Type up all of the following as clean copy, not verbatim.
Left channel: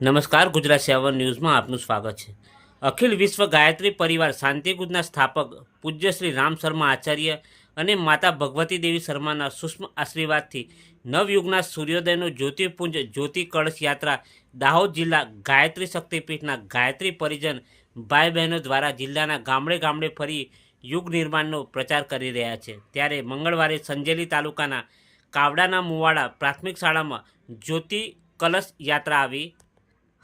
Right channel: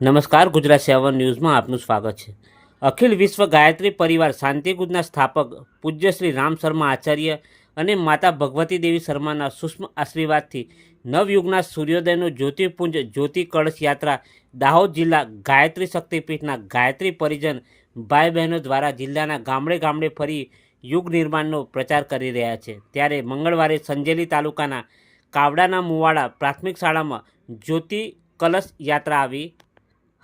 નમસ્કાર, ગુજરાત 7 ન્યૂઝમાં આપનું સ્વાગત છે। અખિલ વિશ્વ ગાયત્રી પરિવાર શાંતિકુંજના સ્થાપક પૂજ્ય શ્રી રામ શર્મા આચાર્ય અને માતા ભગવતી દેવી શર્માના સૂક્ષ્મ આશીર્વાદથી નવયુગના સૂર્યોદયનો જ્યોતિપુંજ જ્યોતિ કળશ યાત્રા દાહોદ જિલ્લા ગાયત્રી શક્તિપીઠના ગાયત્રી પરિજન ભાઈ બહેનો દ્વારા જિલ્લાના ગામડે ગામડે ફરી યુગ નિર્માણનો પ્રચાર કરી રહ્યા છે। ત્યારે મંગળવારે સંજેલી તાલુકાના કાવડાના મુવાડા પ્રાથમિક શાળામાં જ્યોતિ કલશ યાત્રા આવી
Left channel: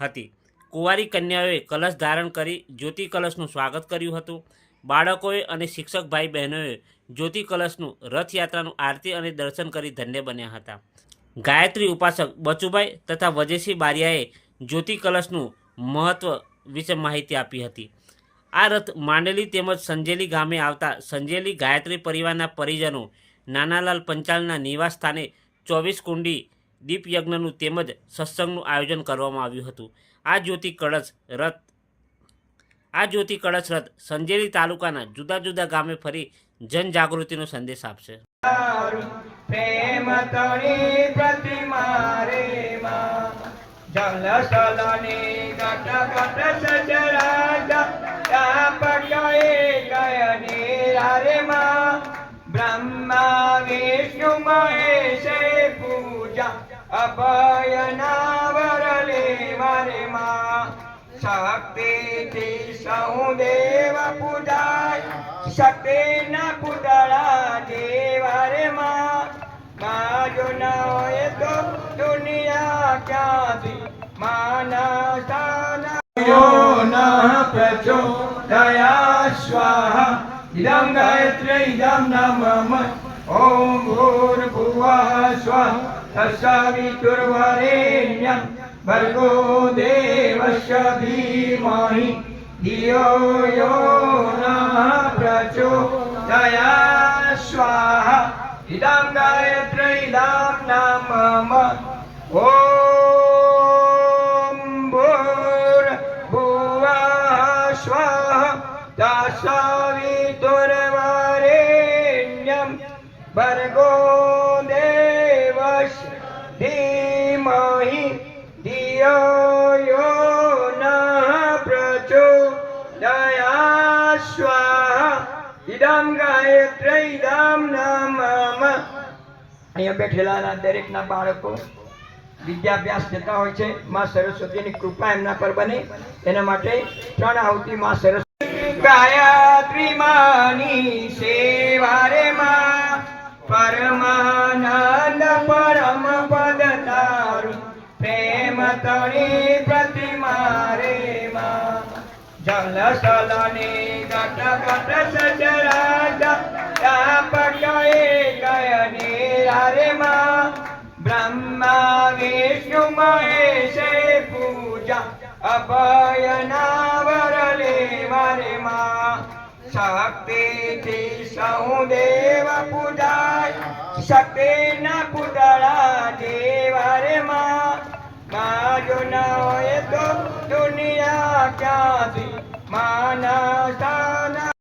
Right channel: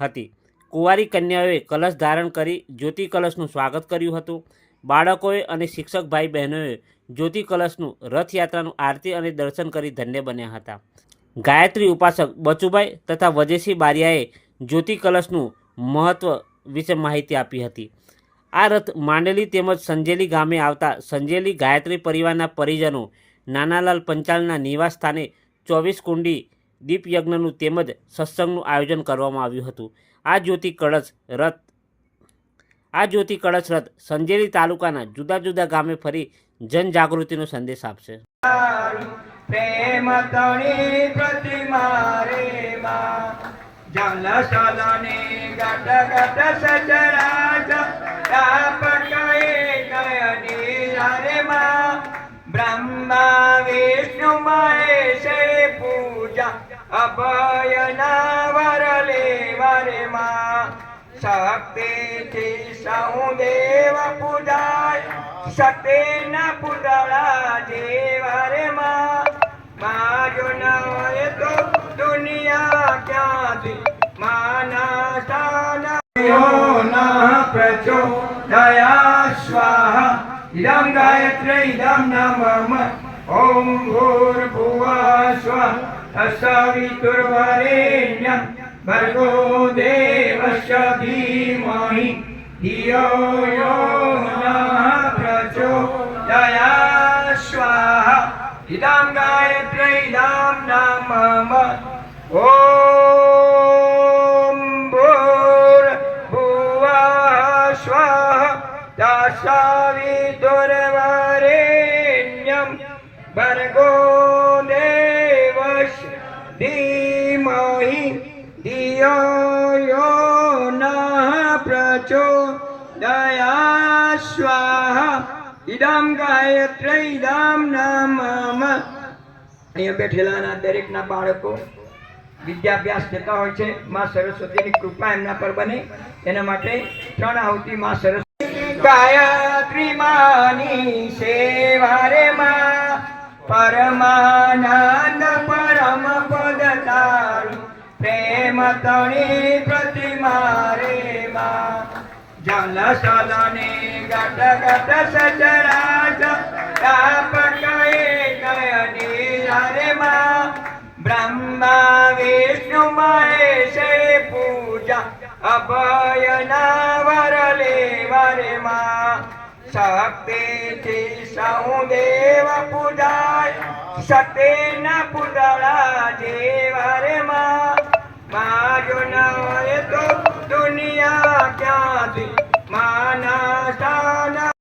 હતી। કુંવારી કન્યાઓએ કલશ ધારણ કરી જ્યોતિ કલશનું સ્વાગત કર્યું હતું। બાળકોએ અને શિક્ષક ભાઈ બહેનોએ જ્યોતિ કલશનું રથયાત્રાનું આરતી અને દર્શન કરી ધન્ય બન્યા હતા। ગાયત્રી ઉપાસક બચુભાઈ તથા વજેશી બારિયાએ જ્યોતિ કલશનું મહત્વ વિશે માહિતી આપી હતી। આ રથ માંડલી તેમજ સંજેલી ગામે આવતા સંજેલી ગાયત્રી પરિવારના પરિજનો નાનાલાલ પંચાલના નિવાસ સ્થાને 24 કુંડી દીપયજ્ઞનું તેમજ સત્સંગનું આયોજન કરવામાં આવ્યું હતું। આ જ્યોતિ કળશ રથ સંજેલી તાલુકાના જુદા જુદા ગામે ફરી જનજાગૃતિનો સંદેશ આપશે। પ્રેમ તણી પ્રતિમા રે માં જલ સલને ગટ ગટ સચરાજ તાપકએ ગયને રે માં બ્રહ્મા વિષ્ણુ મહેશે પૂજા અભયના વરલે વરે માં શક્તિથી સહુ દેવ પૂજાય શક્તિના પુતળા જેવા રે માં જો ના હોય તો દુનિયા ક્યાંથી માના સ્થાન ના પ્રચોદયા સ્વાહા ઇદં ગાયત્રી ઇદં નમઃ ઓમ ભૂર્ભુવઃ સ્વઃ તત્સવિતુર્વરેણ્યં ભર્ગો દેવસ્ય ધીમહિ ધિયો યો નઃ પ્રચોદયાत् સ્વાહા ઇદં ગાયત્રી ઇદં નમઃ ઓમ ભૂર્ભુવઃ સ્વઃ તત્સવિતુર્વરેણ્યં ભર્ગો દેવસ્ય ધીમહિ ધિયો યો નઃ પ્રચોદયાत् સ્વાહા ઇદં ગાયત્રી ઇદં નમઃ। અહીંયા બેઠેલાના દરેકના બાળકો વિદ્યાભ્યાસ થતા હોય છે। માં સરસ્વતીની કૃપા એમના પર બને એના માટે 3 આહુતિ માં સરસ્વતી ગાયત્રી માની સેવા રે માં પરમાનંદ પરમ પદ તારું પ્રેમ તણી પ્રતિમા રે માં જલ સલને ગટ ગટ સચરાજ તાપકએ ગયને રે માં બ્રહ્મા વિષ્ણુ મહેશે પૂજા અભયના વરલે વરે માં શક્તિથી સહુ દેવ પૂજાય શક્તિના પુતળા જેવા રે માં જો ના હોય તો દુનિયા ક્યાંથી માના